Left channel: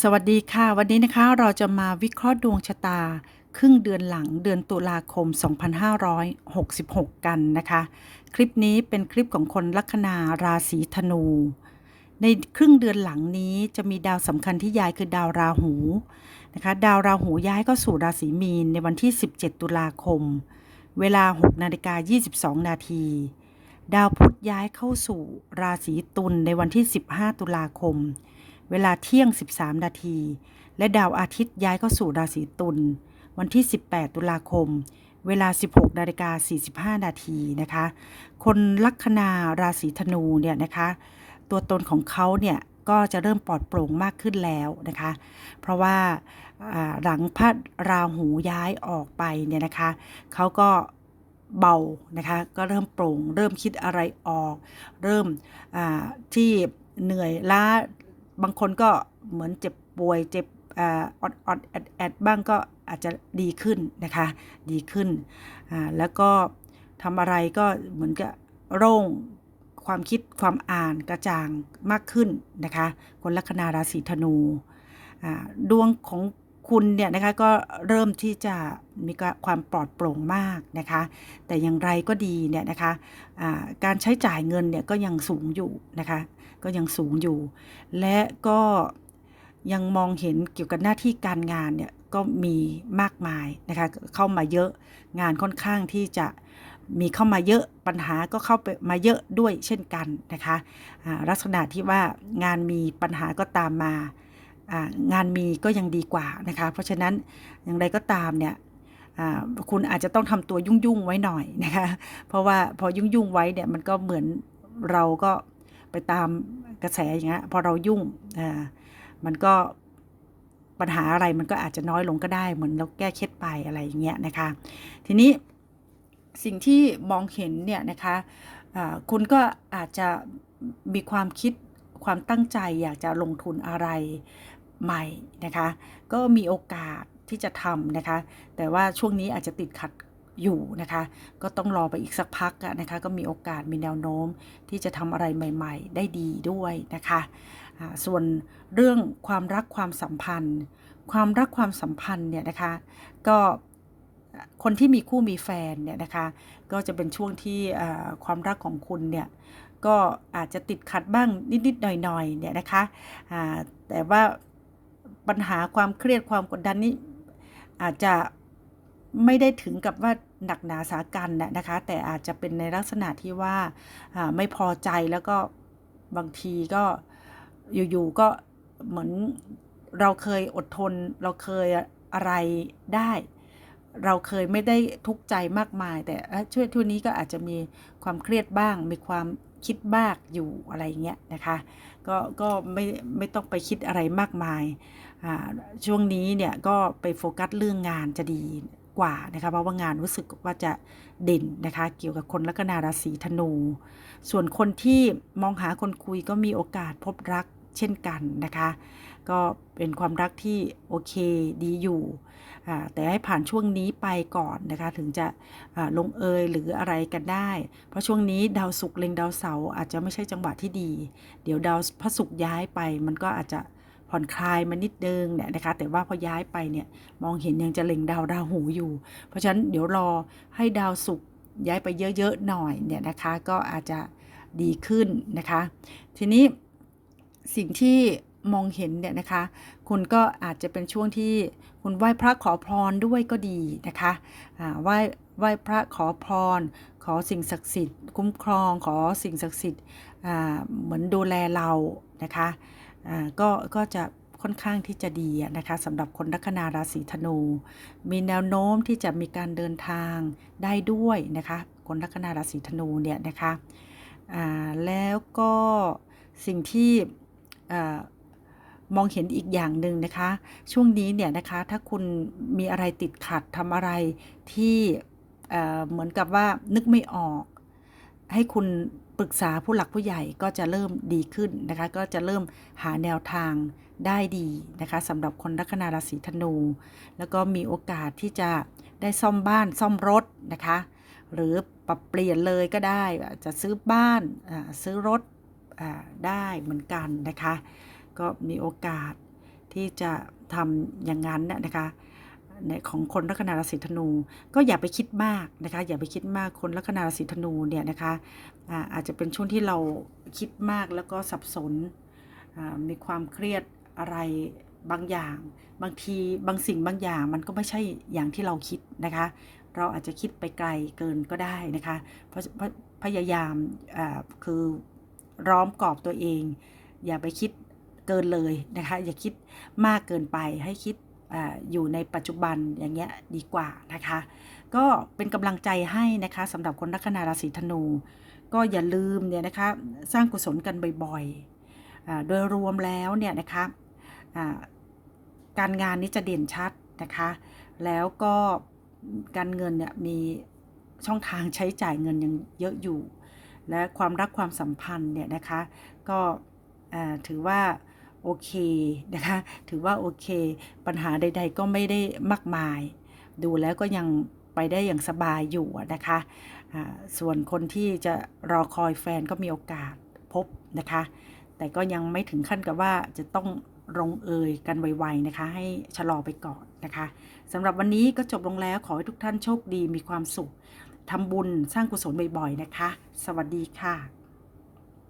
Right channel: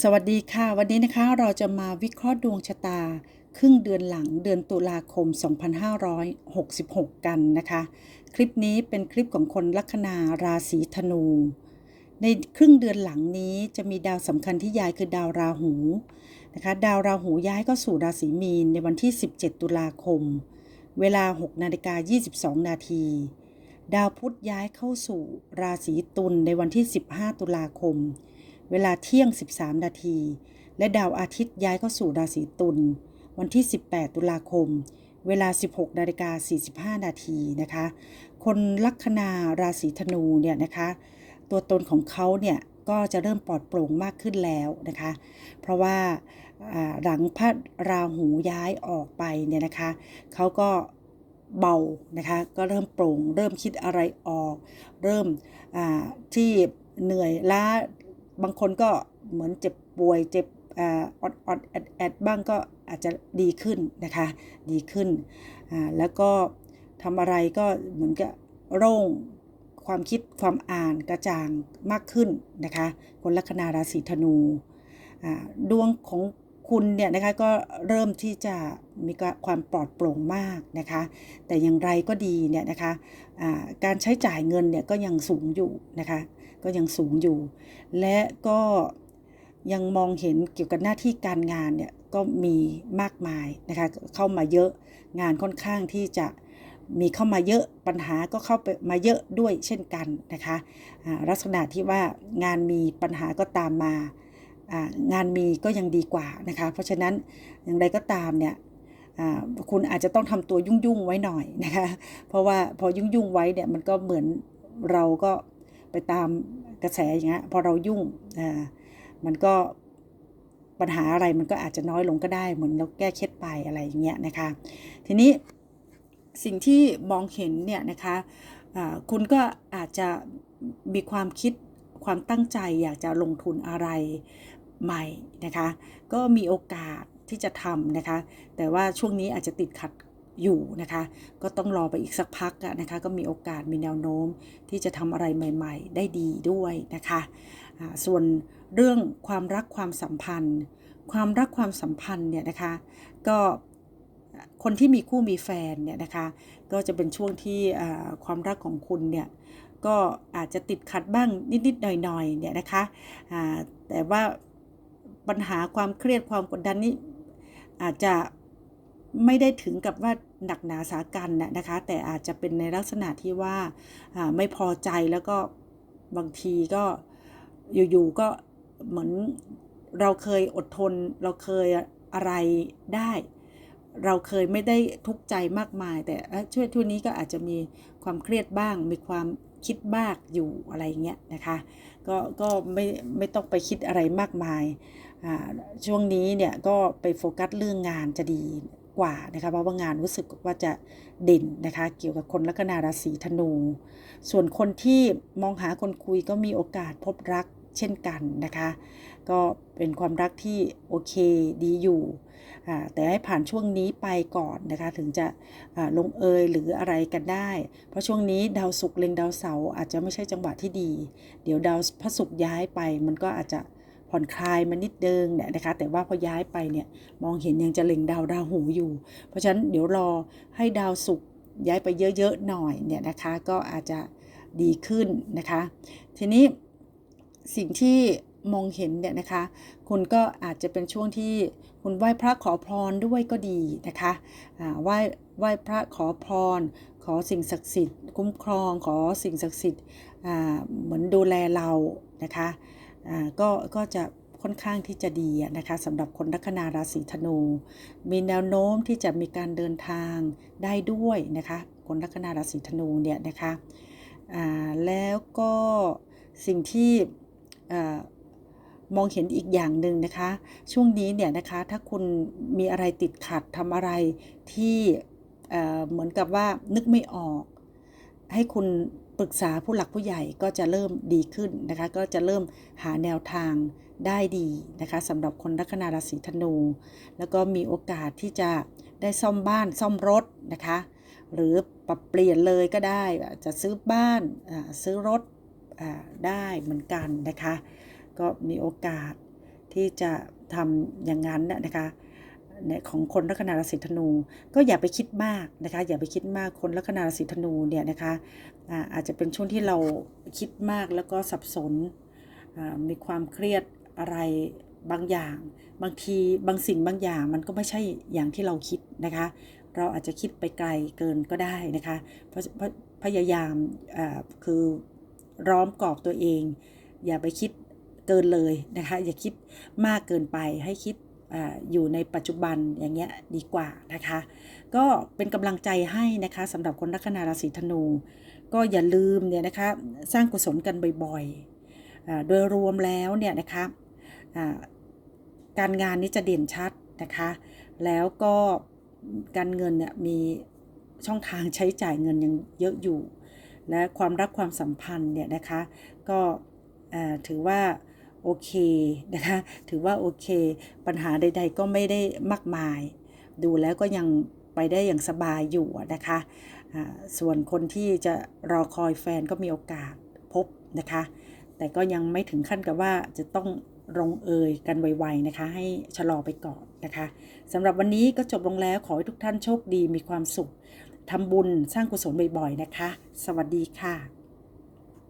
สวัสดีค่ะ วันนี้นะคะเราจะมาวิเคราะห์ดวงชะตา ครึ่งเดือนหลังเดือนตุลาคม 2566 กันนะคะ คลิปนี้เป็นคลิปของคนลัคนาราศีธนู ในครึ่งเดือนหลังนี้จะมีดาวสำคัญที่ย้ายคือดาวราหูนะคะดาวราหูย้ายเข้าสู่ราศีมีนในวันที่ 17 ตุลาคม เวลา 6 นาฬิกา 22 นาทีดาวพุธย้ายเข้าสู่ราศีตุลในวันที่ 15 ตุลาคม เวลาเที่ยง 13 นาที และดาวอาทิตย์ย้ายเข้าสู่ราศีตุลวันที่ 18 ตุลาคม เวลา 16นาฬิกา45 นาทีนะคะ คนลัคนาราศีธนูเนี่ยนะคะ ตัวตนของเขาเนี่ยก็จะเริ่มปลอดโปร่งมากขึ้นแล้วนะคะ เพราะว่าหลังพระราหูย้ายออกไปเนี่ยนะคะ เขาก็เบานะคะ ก็เริ่มโปร่ง เริ่มคิดอะไรออก เริ่มที่เหนื่อยล้า บางคนก็เหมือนเจ็บป่วยเจ็บออดอดแอดแอดบ้างก็อาจจะดีขึ้นนะคะ ดีขึ้น แล้วก็ทำอะไรก็เหมือนกับโร่งความคิดความอ่านกระจ่างมากขึ้นนะคะ คนลัคนาราศีธนู ดวงของ คุณเนี่ยนะคะก็เริ่มที่จะมีความปลอดโปร่งมากนะคะ แต่อย่างไรก็ดีเนี่ยนะคะอ่าการใช้จ่ายเงินเนี่ยก็ยังสูงอยู่นะคะ ก็ยังสูงอยู่ และก็ยังมองเห็นเกี่ยวกับหน้าที่การงานเนี่ยก็มีมากมายนะคะเข้ามาเยอะงานค่อนข้างที่จะมีเข้ามาเยอะปัญหาก็เข้าไปมาเยอะด้วยเช่นกันนะคะลักษณะที่ว่างานมีปัญหาก็ตามมา งานมีก็ยังดีกว่านะคะ เพราะฉะนั้นอย่างไรก็ตามเนี่ยคุณอาจจะต้องทำตัวยุ่งๆไว้หน่อยนะคะ เพราะว่าพอยุ่งๆไว้เนี่ยมันก็เหมือนเราก็ไปตามกระแสอย่างเงี้ยพอเรายุ่งมันก็ปัญหาอะไรมันก็อาจจะน้อยลงก็ได้เหมือนเราแก้เคล็ดไปอะไรอย่างเงี้ยนะคะ ทีนี้สิ่งที่มองเห็นเนี่ยนะคะคุณก็อาจจะมีความคิดความตั้งใจอยากจะลงทุนอะไร ใหม่นะคะ ก็มีโอกาสที่จะทำนะคะ แต่ว่าช่วงนี้อาจจะติดขัดอยู่นะคะ ก็ต้องรอไปอีกสักพักนะคะ ก็มีโอกาสมีแนวโน้มที่จะทำอะไรใหม่ ๆ ได้ดีด้วยนะคะ ส่วนเรื่องความรักความสัมพันธ์ ความรักความสัมพันธ์เนี่ยนะคะ ก็คนที่มีคู่มีแฟนเนี่ยนะคะ ก็จะเป็นช่วงที่ความรักของคุณเนี่ยก็อาจจะติดขัดบ้างนิด ๆ หน่อย ๆ เนี่ยนะคะแต่ว่า ปัญหาความเครียดความกดดันนี่อาจจะไม่ได้ถึงกับว่าหนักหนาสากันน่ะนะคะ แต่อาจจะเป็นในลักษณะที่ว่าไม่พอใจแล้วก็บางทีก็อยู่ๆก็เหมือนเราเคยอดทน เราเคยอะไรได้ เราเคยไม่ได้ทุกข์ใจมากมาย แต่ช่วยทุนนี้ก็อาจจะมีความเครียดบ้าง มีความ คิดบ้างอยู่อะไรเงี้ยนะคะก็ก็ไม่ไม่ต้องไปคิดอะไรมากมายช่วงนี้เนี่ยก็ไปโฟกัสเรื่องงานจะดีกว่านะคะเพราะว่างานรู้สึกว่าจะเด่นนะคะเกี่ยวกับคนลัคนาราศีธนู ส่วนคนที่มองหาคนคุยก็มีโอกาสพบรักเช่นกันนะคะ ก็เป็นความรักที่โอเคดีอยู่ แต่ให้ผ่านช่วงนี้ไปก่อนนะคะถึงจะลงเอยหรืออะไรกันได้ เพราะช่วงนี้ดาวศุกร์เล็งดาวเสาร์อาจจะไม่ใช่จังหวะที่ดี เดี๋ยวดาวพระศุกร์ย้ายไป มันก็อาจจะผ่อนคลายมานิดเดิงเนี่ยนะคะแต่ว่าพอย้ายไปเนี่ยมองเห็นยังจะเล็งดาวราหูอยู่ เพราะฉะนั้นเดี๋ยวรอให้ดาวศุกร์ย้ายไปเยอะๆหน่อยเนี่ยนะคะก็อาจจะดีขึ้นนะคะ ทีนี้สิ่งที่ มองเห็นเนี่ยนะคะ คุณก็อาจจะเป็นช่วงที่คุณไหว้พระขอพรด้วยก็ดีนะคะไหว้ไหว้พระขอพร ขอสิ่งศักดิ์สิทธิ์ คุ้มครองขอสิ่งศักดิ์สิทธิ์เหมือนดูแลเรานะคะก็ก็จะค่อนข้างที่จะดีนะคะสำหรับคนลัคนาราศีธนู มีแนวโน้มที่จะมีการเดินทางได้ด้วยนะคะคนลัคนาราศีธนูเนี่ยนะคะแล้วก็สิ่งที่ มองเห็นอีกอย่างหนึ่งนะคะ ช่วงนี้เนี่ยนะคะถ้าคุณมีอะไรติดขัดทำอะไรที่เเหมือนกับว่านึกไม่ออก ให้คุณปรึกษาผู้หลักผู้ใหญ่ก็จะเริ่มดีขึ้นนะคะ ก็จะเริ่มหาแนวทางได้ดีนะคะสำหรับคนลัคนาราศีธนู แล้วก็มีโอกาสที่จะได้ซ่อมบ้านซ่อมรถนะคะ หรือปรับเปลี่ยนเลยก็ได้อาจจะซื้อบ้านซื้อรถได้เหมือนกันนะคะ ก็มีโอกาสที่จะทำอย่างนั้นน่ะนะคะในของคนลัคนาราศีธนู ก็อย่าไปคิดมากนะคะอย่าไปคิดมากคนลัคนาราศีธนูเนี่ยนะคะอาจจะเป็นช่วงที่เราคิดมากแล้วก็สับสนมีความเครียดอะไรบางอย่าง บางทีบางสิ่งบางอย่างมันก็ไม่ใช่อย่างที่เราคิดนะคะ เราอาจจะคิดไปไกลเกินก็ได้นะคะเพราะพพยายามคือร้อมกรอบตัวเอง อย่าไปคิด เกินเลยนะคะ อย่าคิดมากเกินไปให้คิดออยู่ในปัจจุบันอย่างเงี้ยดีกว่านะคะ ก็เป็นกำลังใจให้นะคะสำหรับคนลัคนาราศีธนู ก็อย่าลืมเนี่ยนะคะสร้างกุศลกันบ่อยๆโดยรวมแล้วเนี่ยนะคะการงานนี้จะเด่นชัดนะคะ แล้วก็การเงินเนี่ยมีช่องทางใช้จ่ายเงินยังเยอะอยู่ และความรักความสัมพันธ์เนี่ยนะคะ ก็ถือว่า โอเคนะคะ ถือว่าโอเค ปัญหาใด ๆ ก็ไม่ได้มากมาย ดูแล้วก็ยังไปได้อย่างสบายอยู่นะคะส่วนคนที่จะรอคอยแฟนก็มีโอกาสพบนะคะ แต่ก็ยังไม่ถึงขั้นกับว่าจะต้องลงเอยกันไวๆนะคะ ให้ชะลอไปก่อนนะคะสำหรับวันนี้ก็จบลงแล้วขอให้ทุกท่านโชคดีมีความสุขทำบุญสร้างกุศลบ่อยๆนะคะ สวัสดีค่ะ